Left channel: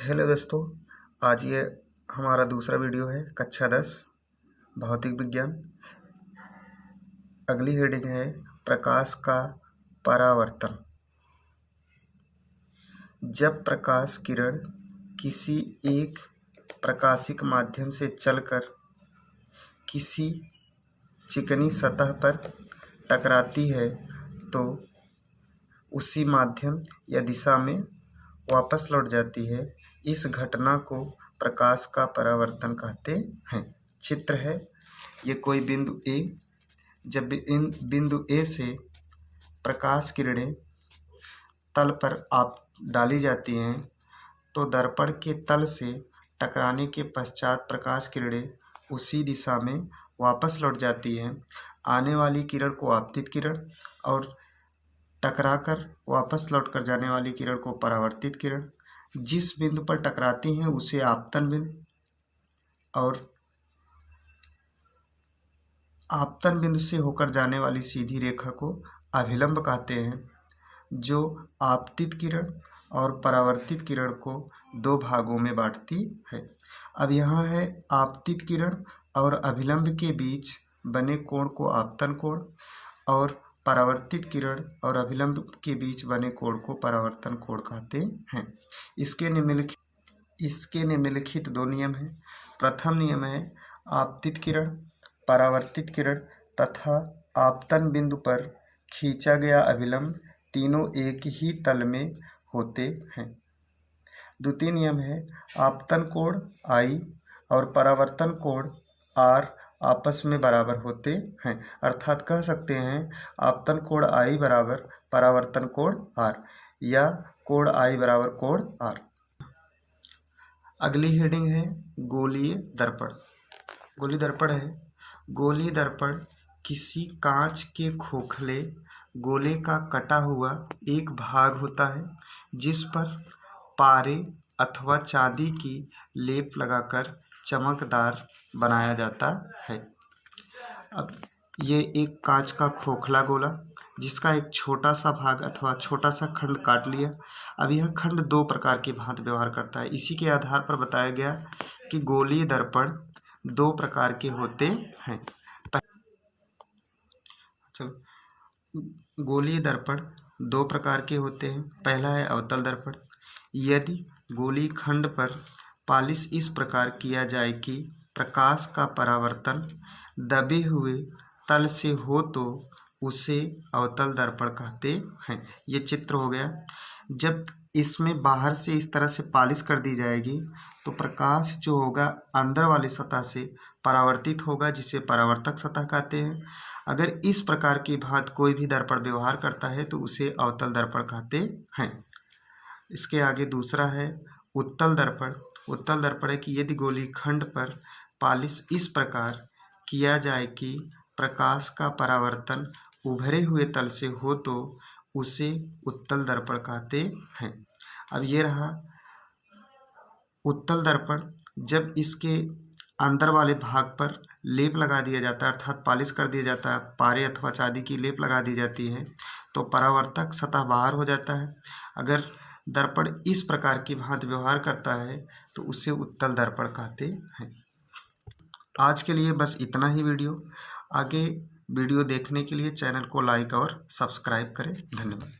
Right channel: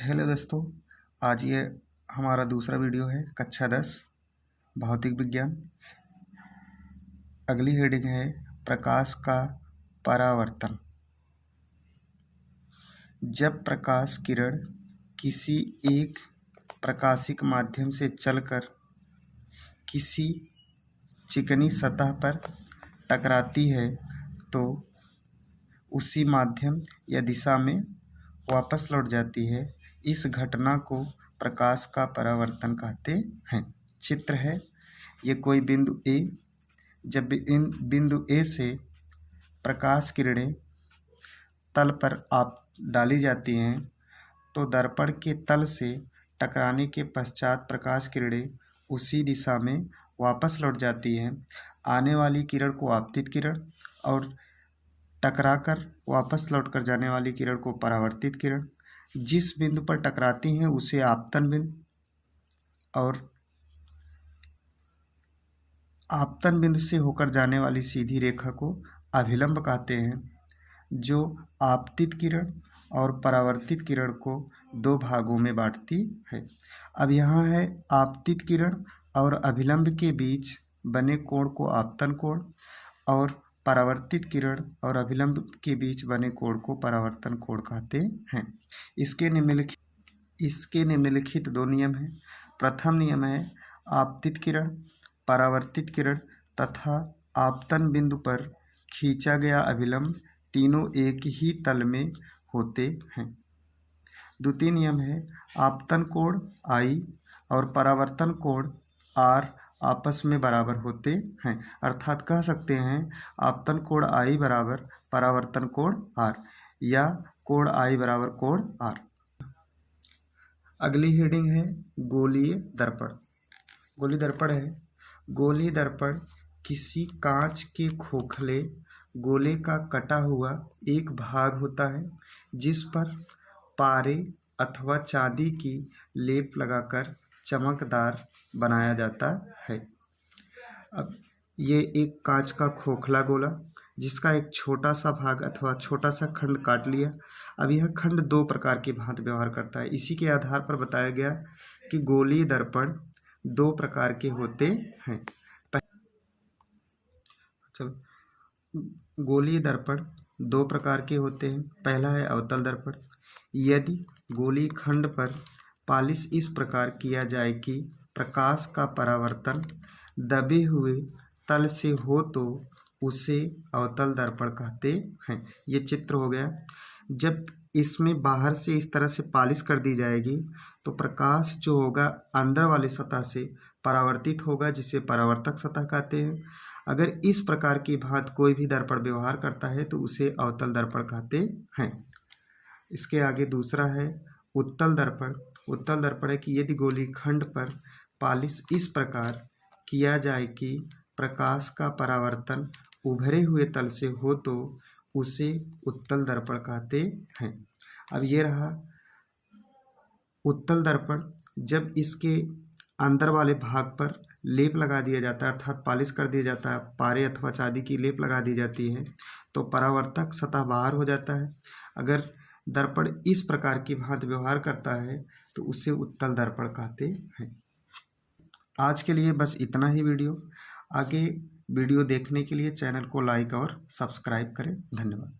Hello दोस्तों, आज ये हमारा दूसरा वीडियो है कक्षा 10 भौतिक विज्ञान। अगली हेडिंग है प्रकाश का परावर्तन। जब प्रकाश किरण किसी एक प्रकाशिक माध्यम से चलकर किसी चिकनी सतह पर टकराती है तो उसी माध्यम या दिशा में वापस लौट जाती है। इस घटना को प्रकाश का परावर्तन कहते हैं। चित्र है, ये कोई बिंदु ए। जब इन बिंदु ए से प्रकाश किरणें तल पर डाली जाती हैं तो दर्पण के तल से टकराने के पश्चात प्रकाश किरणें उसी दिशा में वापस लौट जाती हैं। आने वाली किरण को आपतित किरण और टकराकर वापस लौटकर जाने वाली किरण को परावर्तित किरण। जिस बिंदु पर टकराती हैं उसे आपतन बिंदु और आपतन बिंदु से होकर जाने वाली सीधी रेखा को अभिलंब कहते हैं, जो आपतित किरण और परावर्तित किरण को दो भागों में बांटती है। अब यहाँ है आपतित किरण और अभिलंब के बीच बने कोण को आपतन कोण और परावर्तित किरण और अभिलंब के बीच बने कोण को परावर्तन कोण कहते हैं। इसके निम्नलिखित दो नियम हैं। प्रथम नियम है आपतित किरण, परावर्तित किरण तथा आपतन बिंदु पर खींचा गया अभिलंब तीनों एक ही तल में होते हैं। द्वितीय नियम है आपतन कोण I और परावर्तन कोण R आपस में बराबर होते हैं। अर्थात कह सकते हैं आपतन कोण I बराबर परावर्तन कोण R या कोण I बराबर कोण R। अगली हेडिंग है गोलीय दर्पण। गोलीय दर्पण है, गोलीय दर्पण किसी कांच के खोखले गोले का कटा हुआ एक भाग होता है जिस पर पारे अथवा चांदी की लेप लगाकर चमकदार बनाया जाता है। अब ये एक कांच का खोखला गोला जिसका एक छोटा सा भाग अथवा छोटा सा खंड काट लिया। अब यह खंड दो प्रकार की भांति व्यवहार करता है। इसी के आधार पर बताया गया कि गोलीय दर्पण दो प्रकार के होते हैं। चलो, गोलीय दर्पण दो प्रकार के होते हैं। पहला है अवतल दर्पण। यदि गोलीय खंड पर पालिश इस प्रकार किया जाए कि प्रकाश का परावर्तन दबे हुए तल से हो तो उसे अवतल दर्पण कहते हैं। ये चित्र हो गया। जब इसमें बाहर से इस तरह से पालिश कर दी जाएगी तो प्रकाश जो होगा अंदर वाली सतह से परावर्तित होगा, जिसे परावर्तक सतह कहते हैं। अगर इस प्रकार की भांति कोई भी दर्पण व्यवहार करता है तो उसे अवतल दर्पण कहते हैं। इसके आगे दूसरा है उत्तल दर्पण। उत्तल दर्पण है कि यदि गोलीय खंड पर पालिश इस प्रकार किया जाए कि प्रकाश का परावर्तन उभरे हुए तल से हो तो उसे उत्तल दर्पण कहते हैं। अब ये रहा उत्तल दर्पण। जब इसके अंदर वाले भाग पर लेप लगा दिया जाता है, अर्थात पालिश कर दिया जाता है, पारे अथवा चांदी की लेप लगा दी जाती है तो परावर्तक सतह बाहर हो जाता है। अगर दर्पण इस प्रकार की भांति व्यवहार करता है तो उसे उत्तल दर्पण कहते हैं। आज के लिए बस इतना ही वीडियो। आगे वीडियो देखने के लिए चैनल को लाइक और सब्सक्राइब करें। धन्यवाद।